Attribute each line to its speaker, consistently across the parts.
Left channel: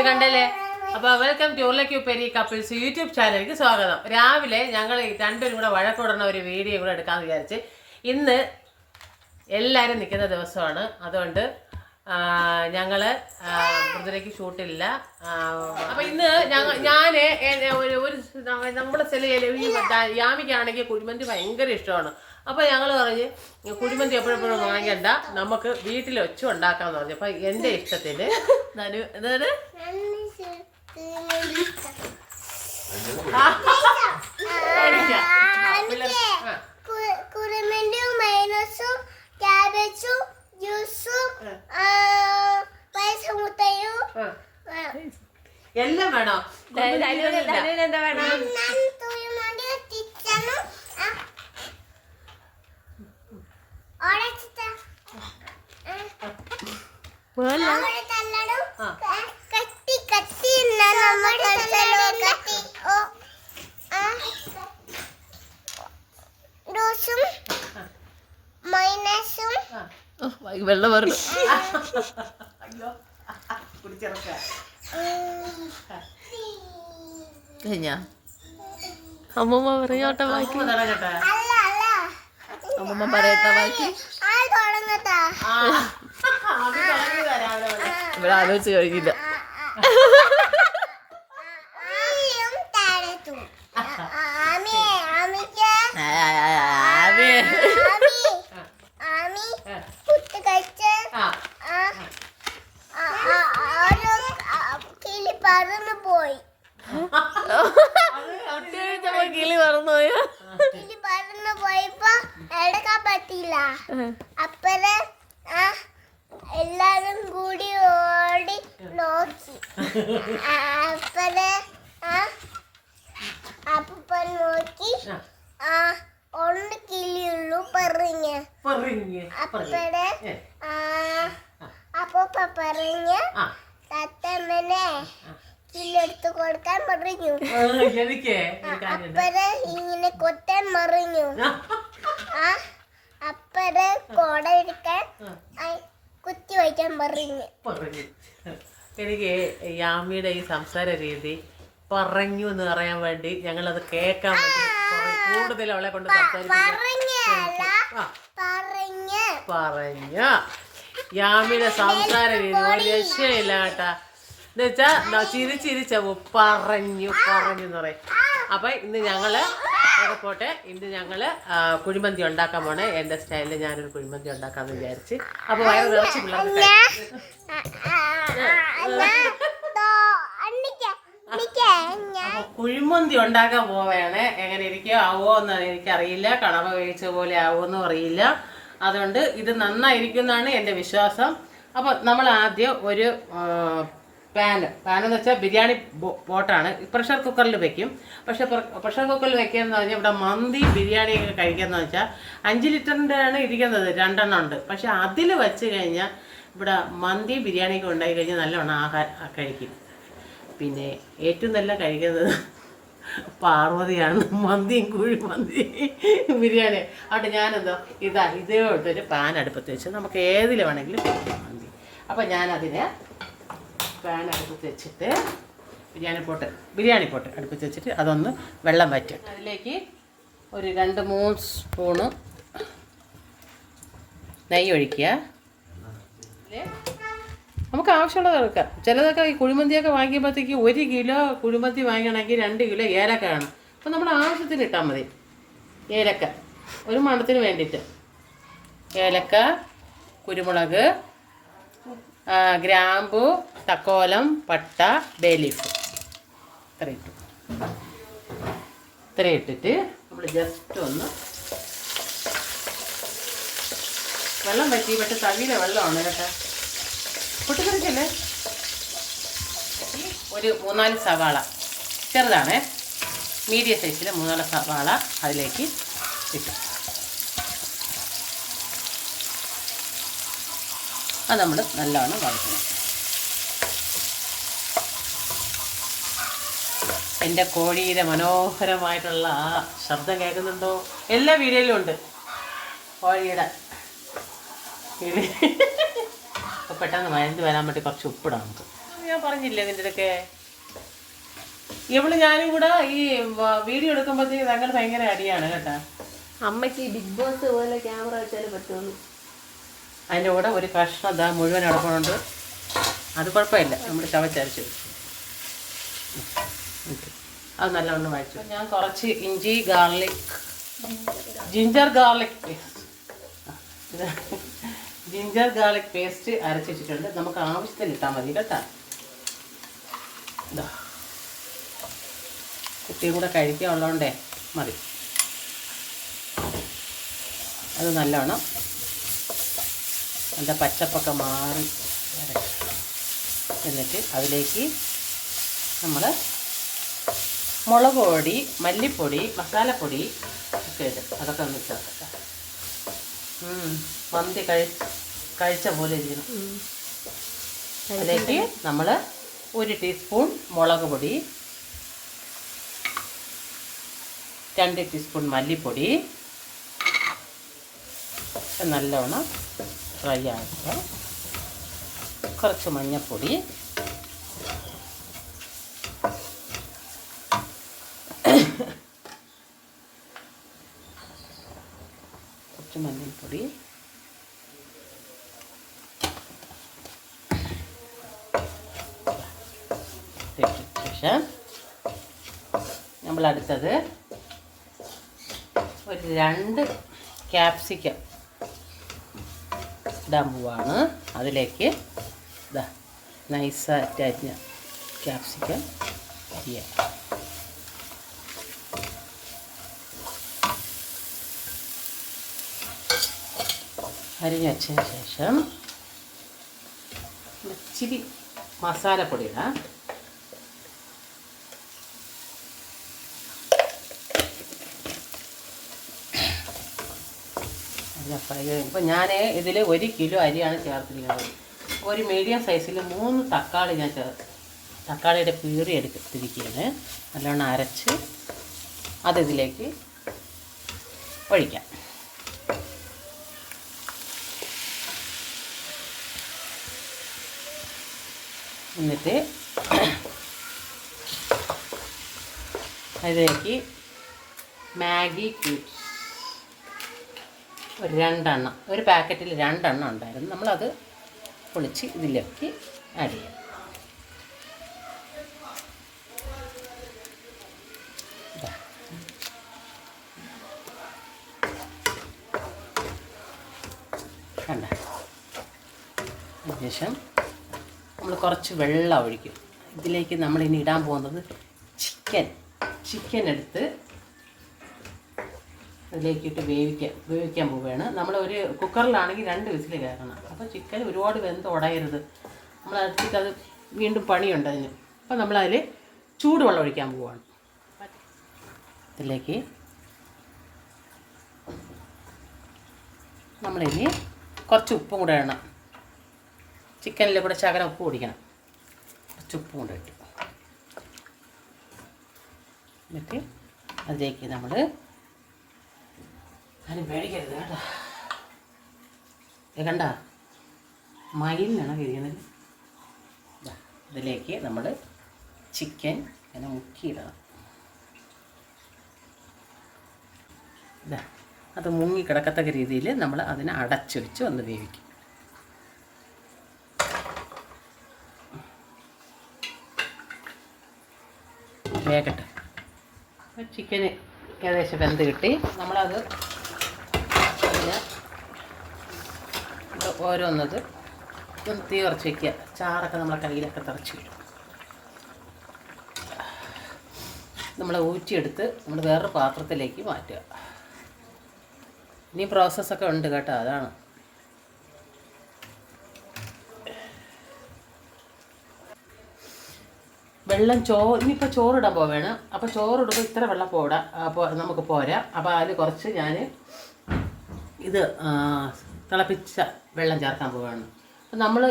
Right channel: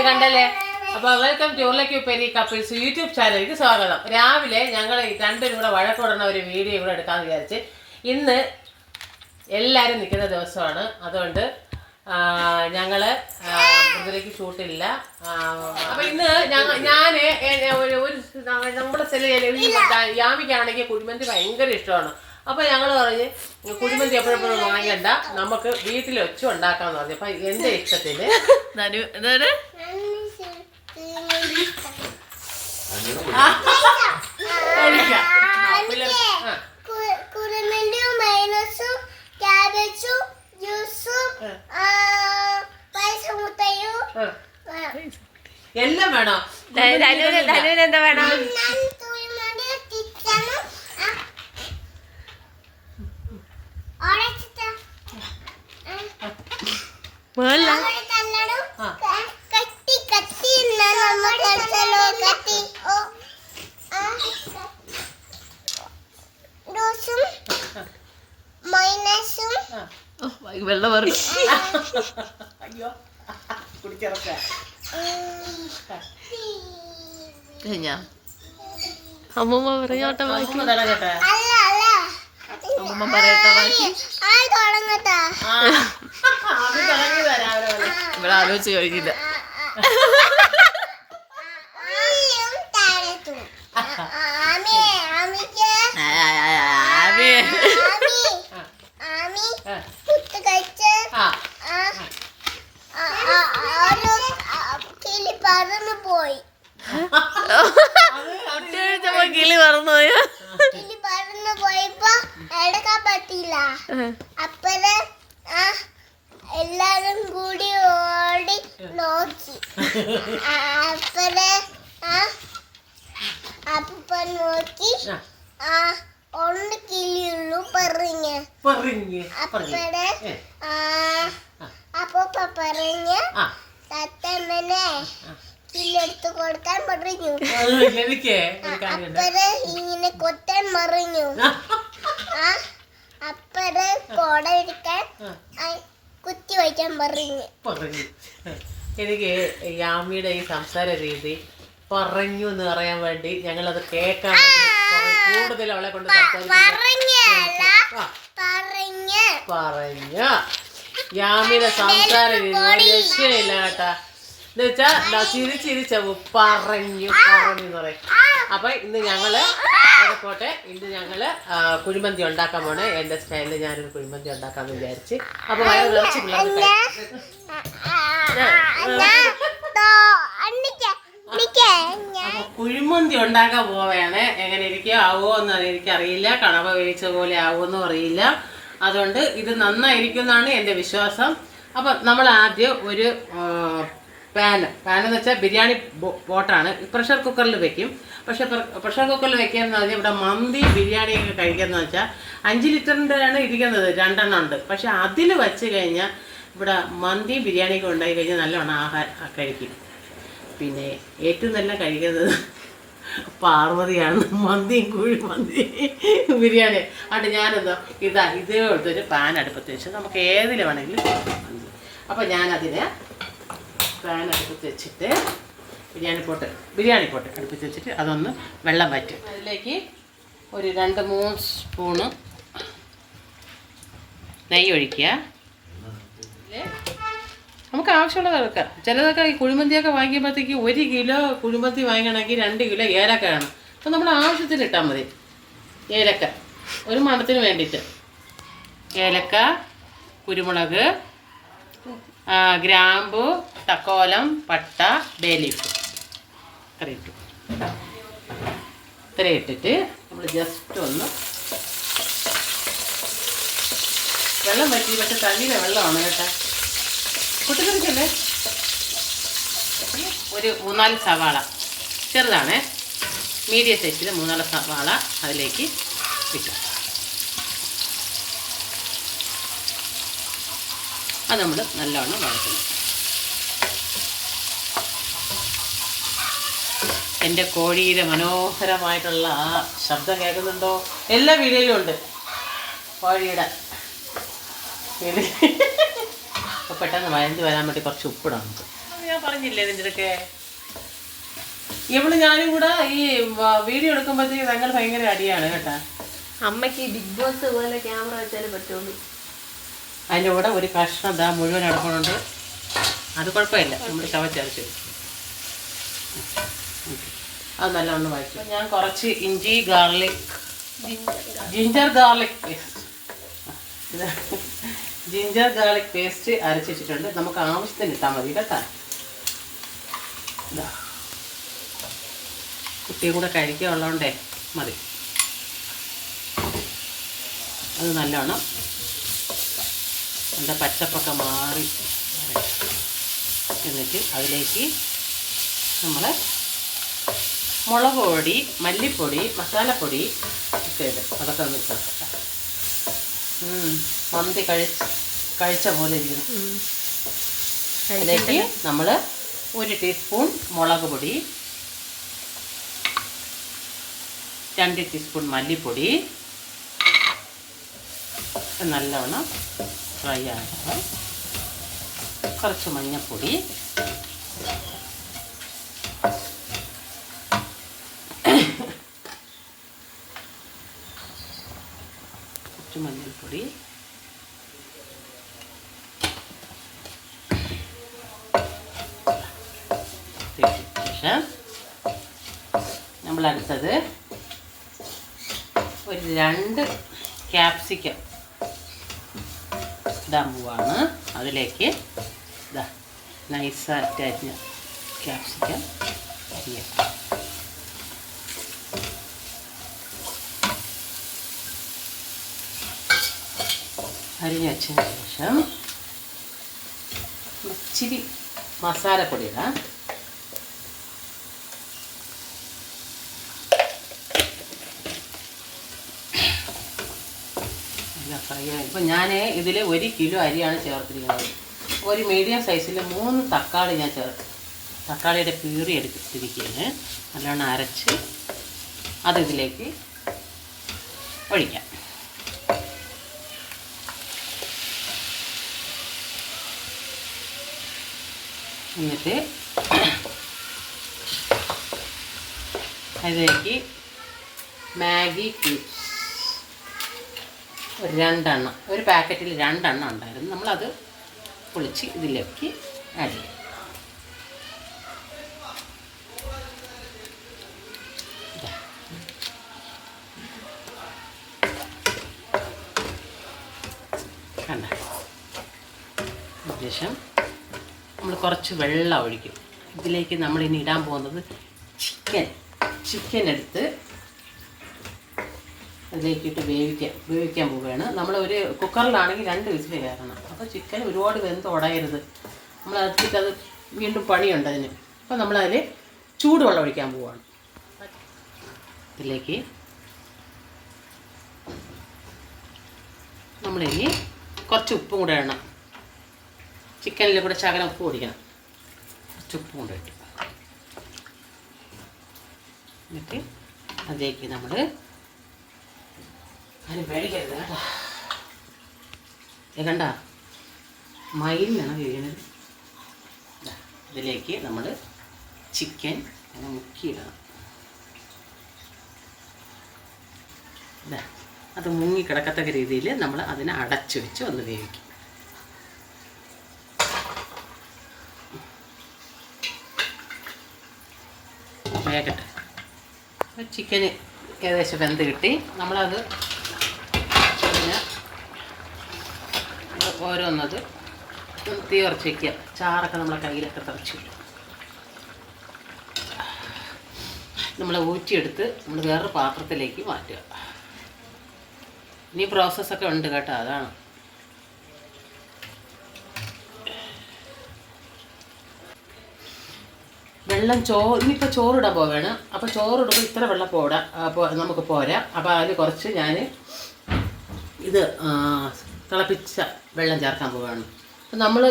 Speaker 1: ഇത് കണ്ടല്ലേ? അപ്പൊ വെൽക്കം ടു ഉരുളക്കി ഉപ്പേരി കപ്പിൾസ് യൂട്യൂബ് ചാനലിലേക്ക് സ്വാഗതം. രാവിലെ ഞങ്ങൾ രണ്ടുപേരും കൂടെ വഴക്കൂടുന്ന ഒരു വീഡിയോ കൂടെ എടുക്കാമെന്ന് വിചാരിച്ച് ഇന്ന് എല്ലാവരും നിൽക്കുന്ന ദിവസമാണ്. അതുകൊണ്ട് ഞങ്ങൾ മൃദുലയ്ക്ക് ഷൂട്ടില്ല അപ്പൊ ഇന്ന് ഞാൻ എ- ഒരു നമ്മുടെ ചില യാമിക്കാണെങ്കിൽ കുഴിമന്തി ഭയങ്കര ഇഷ്ടമാണ്. അപ്പൊ ഞങ്ങൾ പറഞ്ഞ് കുഴിമന്തി എപ്പോഴെപ്പോഴും വാങ്ങണ്ട നമുക്ക് വീട്ടിൽ ഒച്ച ഉണ്ടാക്കാന്ന് പറഞ്ഞു. അപ്പൊ എന്റെ ഇഷ്ടത്തിൽ. എല്ലാം വേണോ?
Speaker 2: എന്താ വേണം
Speaker 3: ഞാൻ കുറുമണ്ടി തിച്ചനും
Speaker 2: മോല്ല
Speaker 3: തല്ലടും
Speaker 1: ആ.
Speaker 3: കത്തി കത്തി എന്നാ നമ്മൾ കളിച്ചല്ലോ കത്തി ഓ ആ. ജ്യൂസും മൈനസും
Speaker 1: ആ.
Speaker 2: വെള്ളം വെറും.
Speaker 1: അയ്യോ. കുടിച്ചിറക്ക.
Speaker 2: കഴിഞ്ഞാ? അമ്മമ്മ പറഞ്ഞോട്ടെ ബാക്കി.
Speaker 3: അല്ല അല്ല.
Speaker 2: അമ്മമ്മ പറയട്ടെ ബാക്കി.
Speaker 3: ആ തുടങ്ങട്ടാ
Speaker 1: ആ. അത് തുടങ്ങിയതാ രാവിലെ വന്ന്.
Speaker 2: നിങ്ങൾ ആലോചിച്ച് കഴിഞ്ഞില്ല
Speaker 3: പോയി
Speaker 2: കിളി പറന്നു പോയോ
Speaker 3: കിളി പറന്നു പോയപ്പോ എടുക്കാൻ പറ്റില്ല അപ്പഴേ ആ എല്ലാരും കൂടി ഓടി നോക്കി. അപ്പൻ നോക്കി.
Speaker 1: ആ.
Speaker 3: ഒന്ന് കിളിയുള്ളൂ പറഞ്ഞ്. അപ്പടെ അപ്പൊ പറഞ്ഞ്. തത്തമ്മനെ കില്ലെടുത്ത് കൊടുക്കാൻ പറഞ്ഞു. അപ്പനെ ഇങ്ങനെ കൊത്താൻ മറിഞ്ഞു ആ. അപ്പനെ കോട എടുക്കാൻ കുത്തി വയ്ക്കാൻ പറഞ്ഞു.
Speaker 1: പറഞ്ഞു. എനിക്ക് യാമിയുടെ ഈ സംസാര രീതി പറഞ്ഞു എന്ന് പറയാൻ വേണ്ടി ഞങ്ങൾ അത് കേൾക്കാൻ വേണ്ടി കൂടുതൽ അവളെ കൊണ്ട്
Speaker 3: പറഞ്ഞു
Speaker 1: യാമിയുടെ സംസാര രീതി രക്ഷയില്ല കേട്ടാ. എന്ന് വെച്ചാ ചിരിച്ചിരിച്ച പറഞ്ഞു പറഞ്ഞു എന്ന് പറയും. അപ്പൊ ഇന്ന് ഞങ്ങൾ അവിടെ പോട്ടെ ഇന്ന് ഞങ്ങൾ ആ, കുഴിമന്തി ഉണ്ടാക്കാൻ പോണേ എന്റെ സ്റ്റൈലിൽ ഞാനൊരു കുഴിമന്തി ഉണ്ടാക്കാന്ന് വിചാരിച്ച് അപ്പൊ വയറ് നിറച്ച് പിള്ളേർക്ക് അപ്പൊ കുഴിമന്തി ഉണ്ടാക്കാൻ പോവേണേ എങ്ങനെ ഇരിക്കുക ആവോ എന്ന് എനിക്കറിയില്ല കണവ വേവിച്ച പോലെ ആവോ എന്നും അറിയില്ല അതുകൊണ്ട് ഇത് നന്നായിരിക്കും എന്നാണ് എന്റെ വിശ്വാസം അപ്പം നമ്മൾ ആദ്യം ഒരു പാന് പാൻ എന്ന് വെച്ചാൽ ബിരിയാണി ബോട്ടാണ്. പ്രഷർ കുക്കറിൽ വെക്കും. പക്ഷേ പ്രഷർ കുക്കറിൽ വെക്കുകയെന്ന് പറഞ്ഞാൽ ഇവിടെ മന്തി ബിരിയാണി ഒക്കെ കഴിക്കുകയെന്ന് വെച്ചാൽ അഞ്ച് ലിറ്ററിന്റെ ആണ് ഇരിക്കുന്നത് രണ്ടെണ്ണം ഉണ്ട്. പക്ഷെ അതിൽ വെച്ച് കഴിഞ്ഞാൽ ഇവിടെ മന്തി ബിരിയാണി ബിരിയാണിയൊക്കെ ഉണ്ടായി കഴിഞ്ഞാൽ നല്ലോണം ആഹാരം കഴിക്കും. പിന്നെ ഏറ്റവും നല്ല കഴിക്കുന്നത് പാർവതിയാണ്. മന്തിയും കുഴി മന്തി ബിരിയാണി. അതുകൊണ്ട് ഞാനെന്തോ ഇതാ ഇതേ എടുത്തൊരു പാൻ അടുപ്പത്ത് വെച്ച് നമുക്ക് ഏതിൽ വേണമെങ്കിലും അപ്പം ഞാനതിനെ പാൻ അടുപ്പത്ത് വെച്ചിട്ട് ബിരിയാണി പോട്ട് ബിരിയാണി പോട്ട് അടുപ്പത്ത് വെച്ചിട്ട് അതൊന്ന് വെള്ളം വറ്റും. അതിലേക്ക് ഒരു രണ്ട് മൂന്ന് സ്പൂണ് നെയ്യ് ഒഴിക്കുക. നമുക്ക് ആവശ്യമുള്ളത് എടുക്കാം ചിലതൊക്കെ ഈ കുഴിമന്തിയൊക്കെ വാങ്ങിയപ്പോഴത്തേക്ക് ഒരു കിലോ കുഴിമന്തി വാങ്ങണമെങ്കിൽ രണ്ട് കിലോ ഏലക്ക വേണം. അപ്പം നമ്മൾ ആവശ്യത്തിന് ഇട്ടാൽ മതി. ഏലക്ക. ഒരു മണത്തിന് വേണ്ടിയിട്ട്. ഏലക്ക കുരുമുളക് ഗ്രാമ്പു തക്കോലം പട്ട ബേലീഫ്. ഇത്ര ഇട്ടു. ഇത്ര ഇട്ടിട്ട് നമ്മൾ ജസ്റ്റ് ഒന്ന് വെള്ളം പറ്റി പക്ഷെ തവിയിലെ വെള്ളമാണ് കേട്ടോ. പൊട്ടിത്തെറിക്കല്ലേ? ഒരു മൂന്നാൽ സവാള. ചെറുതാണേ. മീഡിയം സൈസിൽ മൂന്നാൽ സവാള അതിലേക്ക് ഇട്ടു. അത് നമ്മൾ നല്ലോണം വഴറ്റണം. എന്റെ കോഴിയുടെ മനോഹരമായിട്ടുള്ള ആ ശബ്ദം കേൾക്കുന്നുണ്ടോ? എല്ലാ വീഡിയോയിലും ഉണ്ട് കോഴിയുടെ. അപ്പോൾ പെട്ടെന്ന് വയന്ത് വരാൻ വേണ്ടി കുറച്ച് ഉപ്പിടാം നമുക്ക്. ഞാൻ പറഞ്ഞില്ലേ ഇതിന്റെ ഇടയ്ക്ക് ഇവൾ ഞാനും കൂടെ ഈ വീഡിയോ എടുക്കുമ്പോഴത്തേക്ക് തങ്ങൾ ഭയങ്കര അടിയാണ് കേട്ടാ.
Speaker 2: അമ്മയ്ക്ക് ബിഗ് ബോസ് പോലെ ക്യാമറ വെച്ചാലേ പറ്റുള്ളൂ.
Speaker 1: അതിന്റെ കൂടെ ഒരു കഷ്ണം ഇതാ മുഴുവൻ എടുക്കണുണ്ട് അത് കുഴപ്പമില്ല. നമ്മൾ ചവച്ചരച്ചു അത് നല്ലവണ്ണം വായിച്ചു ഞാൻ കുറച്ച് ഇഞ്ചി garlic. Ginger garlic paste. Ginger garlic paste അരച്ച് വെച്ചിട്ടുണ്ട്. നമുക്ക് ആവശ്യത്തിന് ഇട്ടാൽ മതി കേട്ടോ. കുട്ടിയും കൂടെ കഴിക്കുക ഉള്ളതുകൊണ്ടേ മതി. അത് നല്ലവണ്ണം അതിന്റെ പച്ചപ്പൊക്കെ മാറി. എന്നിട്ട് അതിലേക്ക് നമ്മൾ മുളക് പൊടി മല്ലിപ്പൊടി മസാലപ്പൊടി ഒക്കെ ഇടും. അതൊക്കെ ഒന്ന് ചേർക്കട്ടെ ഉം, മന്തി കഴിച്ച് കഴിച്ച പോലെ ഇരിക്കുന്നു. അതിലേക്ക് നമ്മൾ ഒരു ടീസ്പൂൺ മുളക് പൊടി രണ്ട് ടീസ്പൂൺ മല്ലിപ്പൊടി നല്ലവണ്ണം ഫ്രൈ ആക്കുക കുറച്ച് മഞ്ഞൾപ്പൊടി. കുറച്ച് മഞ്ഞൾപ്പൊടി. ശേഷം നമ്മൾ അടുത്തത് ഒരു രണ്ട് ക്യാപ്സിക്കം. ഇടാൻ പോവാണ് അതിലേക്ക് ഇതാ നൈസായിട്ട് അരിഞ്ഞ ക്യാപ്സിക്കം അരിയാം. അരിഞ്ഞ് വെച്ചതിന് ശേഷം ഇച്ചിരി മസാലപ്പൊടി ഇടാം. ഇപ്പം ഞാൻ ഇതിൽ ഒരു കിലോ അരിയാണ് ചേർത്തിരിക്കുന്നത്. ഒരു മീഡിയം സൈസിൽ മൂന്ന് തക്കാളി ഞാൻ ചേർത്ത് തക്കാളിയുടെ പ്യൂറി എടുത്തിരിക്കുകയാണ്. നല്ലോണം അരച്ച് അതിതിലേക്ക് ഒഴിക്കാം. എന്നിട്ട് അതിലേക്ക് മാഗി ക്യൂബ്സ് ഒരു രണ്ടെണ്ണം ഒരു പാക്കറ്റിൽ രണ്ടെണ്ണം ഉണ്ടായിരുന്നു. നമ്മളത് പൊളിച്ച് ഇതിലേക്ക് ആഡ് ചെയ്യും. ശേഷം നമ്മൾ കുറച്ച് വെള്ളം ഒഴിക്കും. ഇതിലേക്ക് നമ്മൾ ഇനി ഇടാൻ പോകുന്നത് ചിക്കൻ ചിക്കൻ എടുത്ത് അതിലേക്കിട്ട് വേവിക്കാൻ വേവിക്കാൻ പോവുകയാണ്. നമ്മൾ ഒരു കുക്കറിലാണെങ്കിൽ രണ്ട് വിസിൽ കയറണം. അപ്പോൾ ചിക്കൻ ഒരുപാട് വെന്ത് ഉടയരുത്. നമ്മൾ അതിലേക്ക് അത് വീണ്ടും പണിയുണ്ട് അതിന്. അപ്പോൾ നമ്മളതിൽ ചൂടുവെള്ളം ഒഴിക്കാൻ പോവുകയാണ്. അതിലേക്ക് നമ്മളിനി കുറച്ച് ഉപ്പും കൂടെ ഇടണം. ചിക്കനിൽ കൂടെ ശകലം ഉപ്പ് പൊടിക്കണം. കുറച്ച് ഉപ്പും കൂടെ ഇട്ട്. എന്നിട്ട് അതിലേക്ക് നമ്മൾ അതിന് പേടിക്കരുത് കേട്ടോ. ഇത് മയിലിനാണ് കഴിയുന്നത് ദാ, ഇതിലേക്ക് നമ്മൾ ചിക്കൻ അങ്ങനെ മുക്കിയിടണം. ഇതാ അത് മുങ്ങി കിടക്കത്തക്ക രീതിയിൽ നമ്മൾ അതിനെ അടച്ചു വെച്ച് ഒന്ന് വേവിക്കും. വേകട്ടെ ചിക്കന് ഏകദേശം വെന്ത് കിട്ടി. നമ്മളത് പിന്നെ ഓരോന്നത് തീ കുറച്ച് വയ്ക്കുക ചാറൊക്കെ നമ്മളെ കയ്യിലൊക്കെ തിറച്ച് നമ്മൾ ഊറ്റിയെടുത്ത് നമ്മൾ വേറൊരു പാത്രത്തിലേക്ക് മാറ്റുക. ഇനി പ്രോസസ്സൊക്കെ ഉണ്ട് കേട്ടോ അതാണ്. വെള്ളം ചോ ഇനിയിപ്പോൾ ചോറിടാൻ പോവുകയാണ് അപ്പോൾ ചോറിടുമ്പോൾ ഇത്ര വെള്ളം പോടാം. അപ്പോൾ നമുക്ക് പോരാ. അപ്പോൾ അതിൽ കുറച്ച് ഞാൻ ഇത് തിളപ്പിച്ച വെള്ളം ചേർക്കാൻ പോവുകയാണ്. അപ്പം നമ്മൾ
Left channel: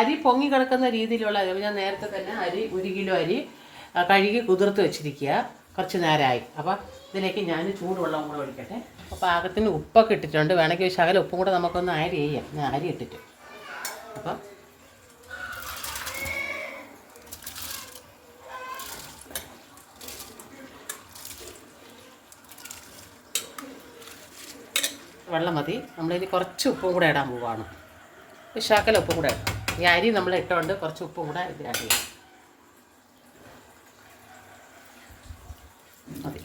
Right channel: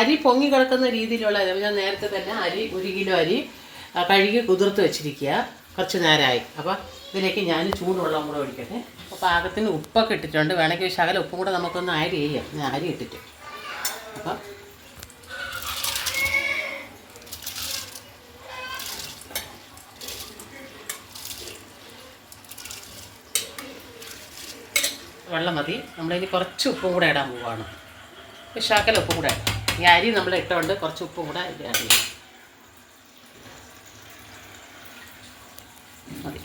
Speaker 1: അരി പൊങ്ങി കിടക്കുന്ന രീതിയിലുള്ള ഞാൻ നേരത്തെ തന്നെ അരി ഒരു കിലോ അരി കഴുകി കുതിർത്ത് വെച്ചിരിക്കുക. കുറച്ച് നേരമായി. അപ്പോൾ ഇതിലേക്ക് ഞാൻ ചൂടുവെള്ളം കൂടെ ഒഴിക്കട്ടെ. അപ്പോൾ പാകത്തിന് ഉപ്പൊക്കെ ഇട്ടിട്ടുണ്ട്. വേണമെങ്കിൽ ശകലം ഉപ്പും കൂടെ നമുക്കൊന്ന് അരി ചെയ്യാം. ഞാൻ അരി ഇട്ടിട്ട്. അപ്പം വെള്ളം മതി. നമ്മളിനി കുറച്ച് ഉപ്പ് കൂടെ ഇടാൻ പോവാണ്. ഒരു ഉപ്പ് കൂടെ ഈ അരി നമ്മൾ ഇട്ടുകൊണ്ട് കുറച്ച് ഉപ്പ് കൂടെ ചെയ്യാം. മതി.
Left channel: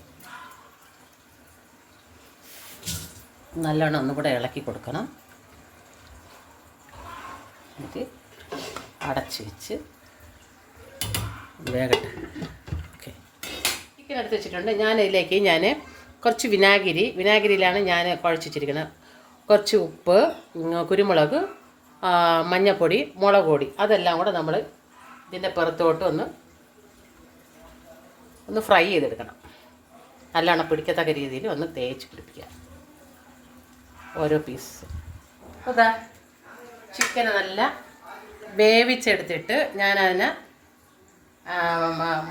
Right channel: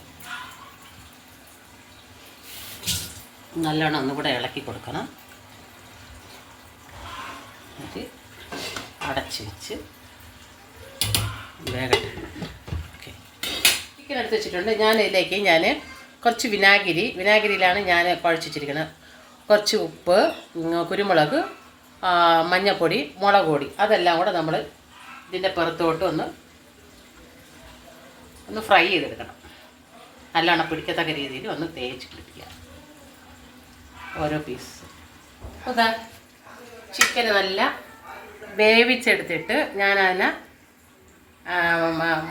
Speaker 1: നല്ലോണം ഒന്നുകൂടെ ഇളക്കി കൊടുക്കണം. എന്നിട്ട് അടച്ച് വെച്ച് വേഗട്ടെ ഓക്കെ ചിക്കൻ എടുത്ത് വെച്ചിട്ടുണ്ട്. ഞാൻ ഇതിലേക്ക് ഞാൻ കുറച്ച് വിനാഗിരി. വിനാഗിരിയിലാണ് ഞാൻ കുഴച്ചിട്ടിരിക്കുന്നത് കുറച്ച് ഉപ്പ് കുരുമുളക് മഞ്ഞൾപ്പൊടി മുളക് പൊടി. അതെല്ലാം കൂടെ നമ്മൾ ഇതിന്റെ പുറത്തോട്ട് ഒന്ന് ഒന്ന് ഫ്രൈ ചെയ്തെടുക്കണം. നല്ലോണം പിടിക്കത്തക്ക രീതിയിൽ ഒന്ന് തേച്ച് പിടിപ്പിക്കുക. ഓരോ പീസ് അതാ ചിക്കൻ നല്ല വേവിച്ചെടുത്തിട്ട് ഞാനതിനെ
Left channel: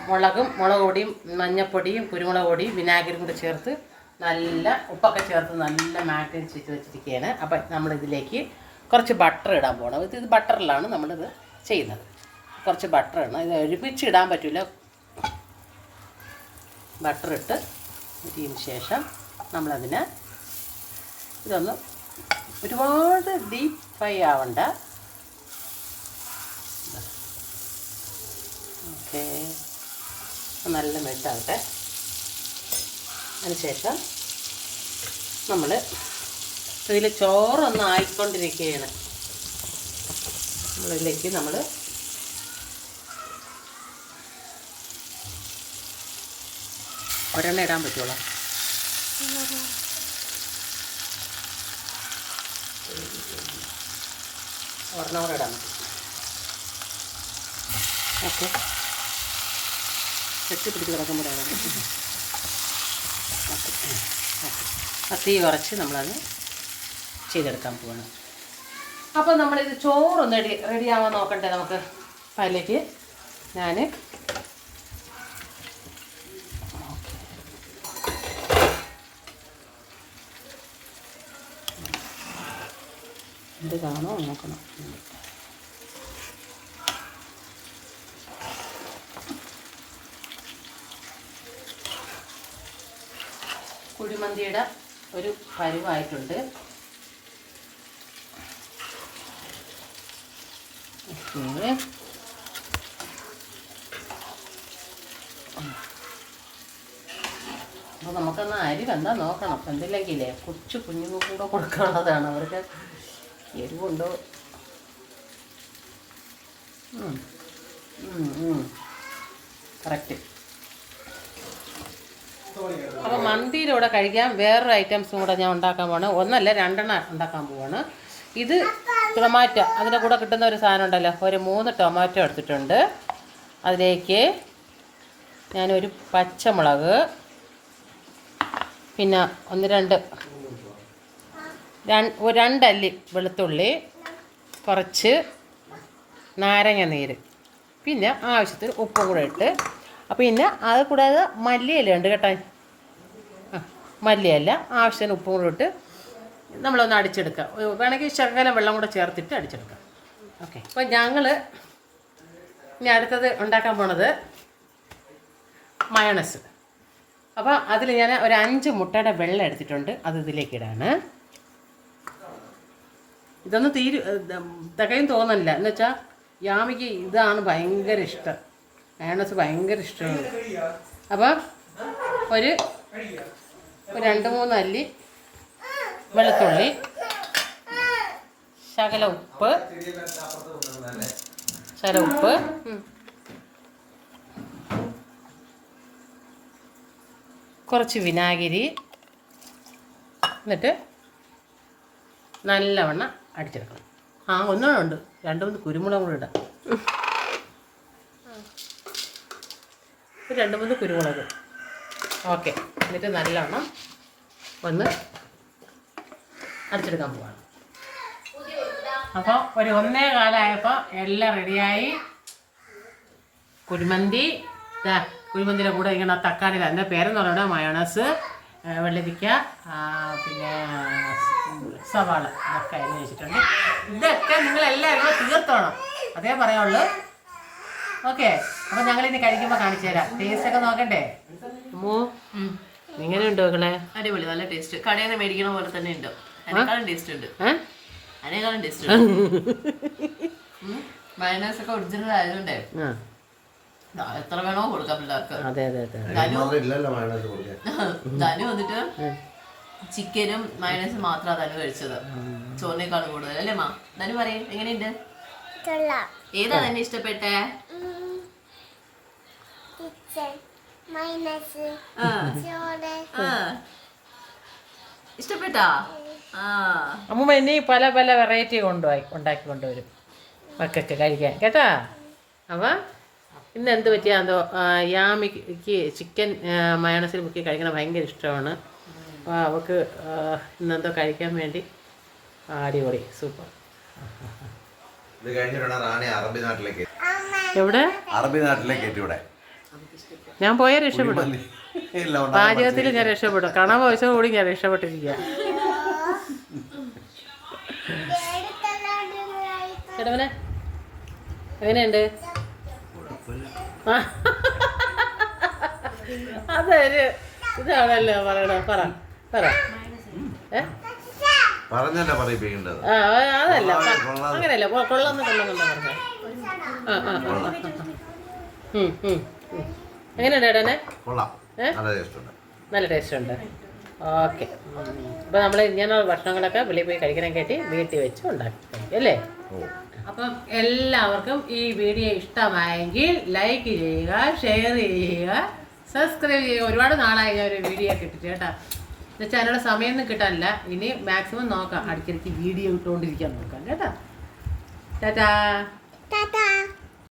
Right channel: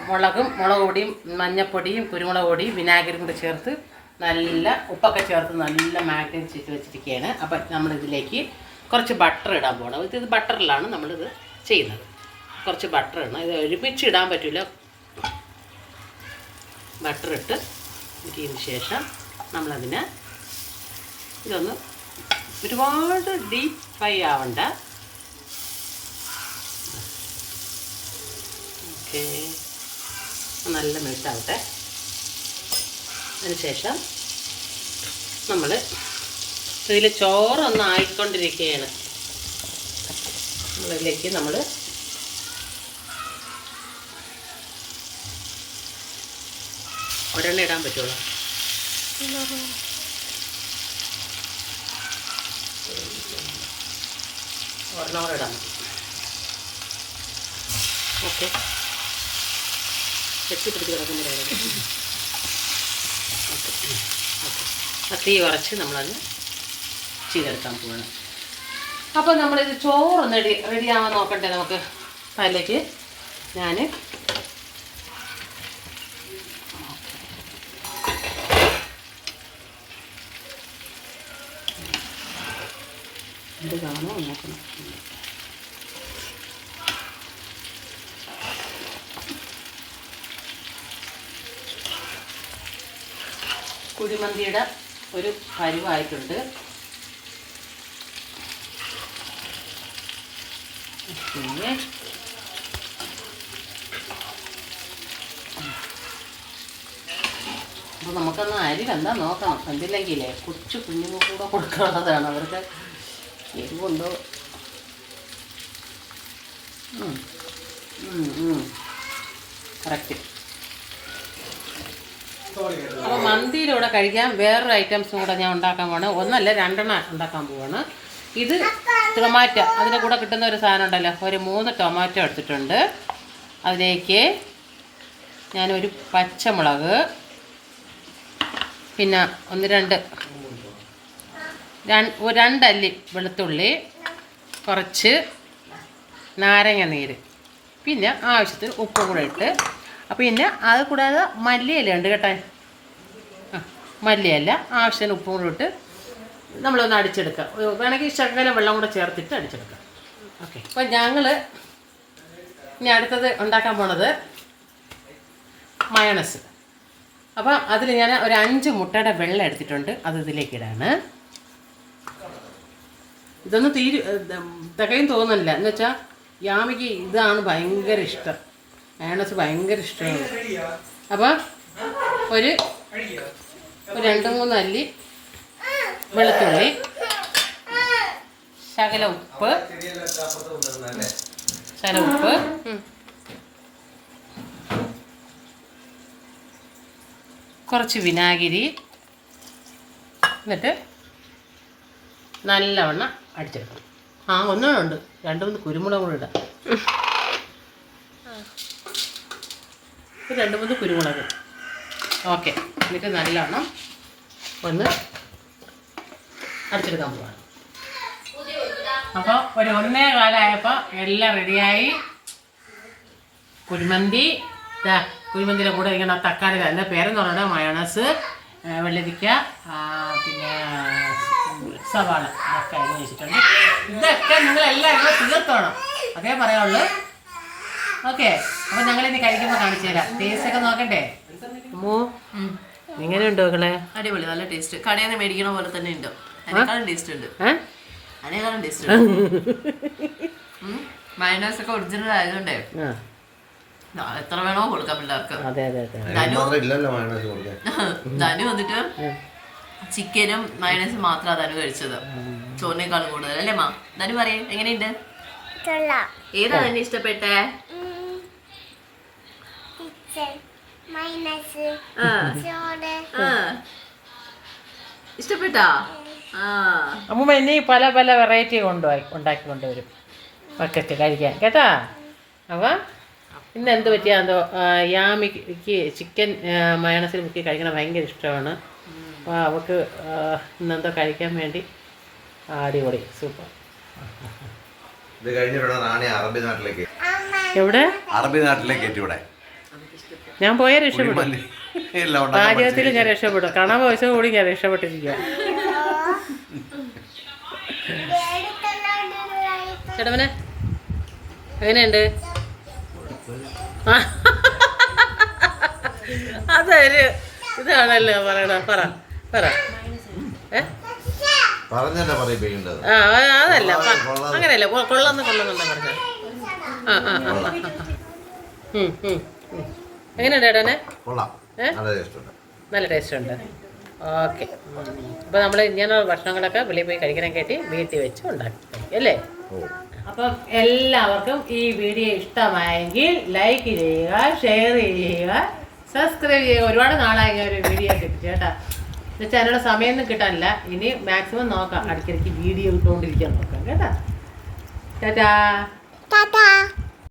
Speaker 1: മുളകും മുളക് പൊടിയും മഞ്ഞപ്പൊടിയും കുരുമുളക് പൊടിയും വിനാഗിരിയും കൂടി ചേർത്ത് നല്ല ഉപ്പൊക്കെ ചേർത്ത് നല്ല മാഗ്നേറ്റ് ചെയ്ത് വെച്ചിരിക്കുകയാണ്. അപ്പം നമ്മളിതിലേക്ക് കുറച്ച് ബട്ടർ ഇടാൻ പോകണം ഇത് ബട്ടറിലാണ് നമ്മളിത് ചെയ്യുന്നത്. കുറച്ച് ബട്ടർ ഇടണം. ഇത് ഒരുമിച്ച് ഇടാൻ പറ്റില്ല ബട്ടർ ഇട്ട് ഇതിന് ശേഷം നമ്മളതിന് ഇതൊന്ന് ഒരുപാട് ഡീപ്പ് ഫ്രൈ ആവണ്ട. ഓക്കെ നല്ല മെൽട്ടാവട്ടെ അതിനുശേഷം നമ്മൾ ഇതിൽ ചോറൊന്ന് ആയിക്കൊണ്ടിരിക്കുകയാണ് നമ്മളിതിലേക്ക് നമ്മൾ ഒരെണ്ണ ഇടാൻ പറ്റുമോ ഒരെണ്ണം ഇടാൻ പറ്റും ഓക്കെ. വെട്ടി പിടിച്ച് കിടക്കുമ്പോഴാണ് ആ തീ കുറച്ച് നമ്മളത് ചെയ്തെടുക്കാൻ പോവാണ്. അപ്പോൾ നമ്മളിത് ചോറൊന്ന് റെഡി ആവാൻ നോക്കണ്ടേ നമുക്ക്? അതിലേക്ക് ഞാൻ ഇത് കാണോ നോക്കണം. കുഴിമന്തിയുടെ ഒരു പരുവായിട്ടുണ്ട്. പിന്നെ അപ്പോൾ നമുക്കൊന്ന് അരി കണ്ടാൽ നോക്കണം. എന്തില്ലെങ്കിലേ കൊച്ചു കുഞ്ഞുങ്ങൾ കൂടെ കൊടുക്കാനുള്ളതാണ്. അവർക്ക് എരിവുണ്ടോ? കറക്റ്റ് അപ്പോൾ മന്തിയിലൂടെ കഴിക്കാൻ വേറൊരു ഐറ്റംസും കൂടെ ഞാൻ ഉണ്ടാക്കാൻ പോവാണ്. ഒന്നല്ല രണ്ടെണ്ണം ഉണ്ടാക്കാൻ പോവാണ്. ഇത് ടൊമാറ്റോ അതിന്റെ കൂടെ കിട്ടുന്ന ഒരു സാധനം ഉണ്ടല്ലോ. ഒരു മൂന്ന് ടൊമാറ്റോ എടുത്തിട്ടുണ്ട്. അതിലേക്ക് ഞാനൊരു പച്ചമുളക് പിന്നെ ഒന്ന് രണ്ട് രണ്ടല്ലി വെളുത്തുള്ളി കുറച്ച് നാരങ്ങ നീര് പിന്നെ ആവശ്യത്തിന് ഉപ്പും കൂടെ ഇട്ട്. പിന്നെ അത് കൂടാതെ മല്ലിയില ഉണ്ട് കേട്ടോ. ആ മല്ലിയില ആവശ്യത്തിന് ഉപ്പും കൂടെ ഇട്ട് നമ്മളൊന്ന് അടിച്ചെടുക്കാം. വേണമെങ്കിൽ ശകലം വെള്ളം കൂടെ ചേർത്തിട്ട് അടിച്ചെടുക്കാം. ഓക്കെ. അപ്പോൾ ഞങ്ങൾ ഇനി അടുത്തത് ഉണ്ടാക്കാൻ പോണത് മയണസ്. അപ്പോൾ അതിൽ ഞാൻ ഒരു അഞ്ച് മുട്ടയുടെ വെള്ളം എടുത്തിട്ടുണ്ട്. അത് ഇതിലേക്ക് ഇടാണ്. ഇതൊന്നും തീരു തികയും തോന്നുന്നില്ല. എന്ന് വെച്ചാൽ യാമിക്ക് ഇതാണ് ഭയങ്കര ഇഷ്ടം. മയണസ് ഭയങ്കര ഇഷ്ടമാണ്. അപ്പോൾ ഒരു രണ്ട് മൂന്ന് അല്ലി വെളുത്തുള്ളി ശകല ഉപ്പ് ശകല ഉപ്പ് കുറച്ച് വിനാഗിരി എന്നിട്ട് നല്ലവണ്ണം അടിച്ചെടുക്കണം. ആ ഒന്നുണ്ട് രണ്ട് മൂന്ന് കുരുമുളക് കൂടെ ഇടാം. രണ്ട് മൂന്ന് കുരുമുളക്. ഓക്കെ. എന്നിട്ട് നല്ലവണ്ണം ഒന്ന് അടിച്ചെടുക്കാൻ പോവാണ്. അപ്പോൾ ഒരു ഒന്നേ കാലമായപ്പോൾ എല്ലാം റെഡിയായി കുരുമന്തി കുരുമന്തിയുടെ കൂടെ ഇങ്ങനെ തക്കാളി തന്നെ പേരെന്ന് പറയുന്നത് മയോണസ് വെള്ളരിക്ക പിന്നെ സവാള ഇതൊക്കെ അരിഞ്ഞ് വെച്ചിട്ടുണ്ട്. ഇതൊക്കെ നിങ്ങൾ എല്ലാവരും തീർത്തോണം. അതേ പറയുള്ളൂ ഓക്കെ. അപ്പം ഞങ്ങളിനി കഴിക്കുമ്പോൾ കാണിച്ചു തരാം ടേസ്റ്റ് ഒക്കെ നോക്കണ്ടേ? അമ്മോ എങ്ങനെയുണ്ട് മക്കളെ?
Speaker 2: അടിപൊളി നല്ല ടേസ്റ്റ് കടയിൽ നിന്ന് മേടിക്കണ പോലെ തന്നെ ഉണ്ട്. അതിനേക്കാളും ടേസ്റ്റ് ഉണ്ട്. അതിനേക്കാളും ടേസ്റ്റ് ഉണ്ട്. മൈനസ് ഒക്കെ ഒറിജിനൽ ആയതുകൊണ്ടേ എത്ര വേണോ കൊടുക്കാം പിള്ളേർക്ക്.
Speaker 1: അതെ അതെ അതെ.
Speaker 2: ധനു
Speaker 4: മയോണൈസ്
Speaker 2: വന്നിട്ട് ചിക്കനും മൈനസും മാത്രമാണ് ധനു കഴിച്ചത്. ചോറിനേക്കാളും കൂടുതൽ അല്ലേ മാ? ധനു പറയേ എങ്ങനെയുണ്ട്?
Speaker 3: കൊള്ളാം
Speaker 2: ഏതാ തന്നെ ഇഷ്ടപ്പെട്ടേ?
Speaker 3: മൈനസ്. ചോറ്.
Speaker 2: ആ. ഇഷ്ടപ്പെട്ടാ? ആ.
Speaker 1: അമ്മൂമ്മ ഇനി പല പല വെറൈറ്റി കൊണ്ടുപോയി ഉണ്ടാക്കി കൊണ്ടുവരും. മക്കൾക്ക് കഴിക്കാൻ. കേട്ടാ? അവ ഇന്ന് എന്ത് പറ്റിയ? എന്തോ യാമിക്ക് ചിക്കൻ മയണസിൽ മുക്കി കഴിക്കണ ഭയങ്കര ഇഷ്ടമാണ്. അപ്പോൾ അവൾക്ക് ഇന്നെന്തോ കഴിക്കാൻ വേണ്ടി അടിപൊളി. സൂപ്പർ.
Speaker 4: ഇത് കഴിഞ്ഞിട്ടാണ് നാണി അറബി നാട്ടിലേക്ക്
Speaker 1: എവിടെ?
Speaker 4: അറബി നാട്ടിലേക്ക് എത്തി ഇവിടെ.
Speaker 1: ഞാൻ പോയാൽ രക്ഷപ്പെടും. പാചകത്തിൽ ഞാൻ രക്ഷപ്പെടും. കണവ പൈസ കൂടി ഞാൻ രക്ഷപ്പെട്ടിരിക്കുക ചേട്ടവനെ എങ്ങനെയുണ്ട്. അതൊരു ഇതാണല്ലോ പറയണ. പറ പറ. ഏ?
Speaker 4: പറഞ്ഞല്ലേ പറയിപ്പിക്കേണ്ടത്
Speaker 1: ആ ആ, അതല്ല. അങ്ങനെയല്ല. കൊള്ളാന്ന് കൊള്ളാന്നെന്താ പറഞ്ഞത്. ആ ആ ആ ആ, ആ. ഉം, ഉം, ഉം. എങ്ങനെയുണ്ട് ഏട്ടനെ?
Speaker 4: കൊള്ളാം. നല്ല ടേസ്റ്റ് ഉണ്ട്
Speaker 1: നല്ല ടേസ്റ്റ് ഉണ്ട് ഓക്കെ അപ്പോൾ നമ്മൾ ഇങ്ങനെയുള്ള ഭക്ഷണങ്ങളൊക്കെ വെളിയിൽ പോയി കഴിക്കണം കേട്ടി വീട്ടിൽ വെച്ച് ഉണ്ടാക്കി അല്ലേ? അപ്പം എല്ലാവർക്കും ഈ വീഡിയോ ഇഷ്ടമായെങ്കിൽ ലൈക്ക് ചെയ്യുക ഷെയർ ചെയ്യുക സബ്സ്ക്രൈബ് ചെയ്യുക. ഒരുപാട് നാളായി ഒരു വീഡിയോ കിട്ടി. കേട്ടാ എന്നുവെച്ചാൽ അതിനുള്ള സമയമൊന്നും കിട്ടാനില്ല. ഇനി മാക്സിമം നോക്കാം. അടുക്കിടയ്ക്ക് വീഡിയോ ഇട്ടുകൊണ്ടിരിക്കാൻ നോക്കാം കേട്ടാ. ടാറ്റാ.
Speaker 3: ടാറ്റാ.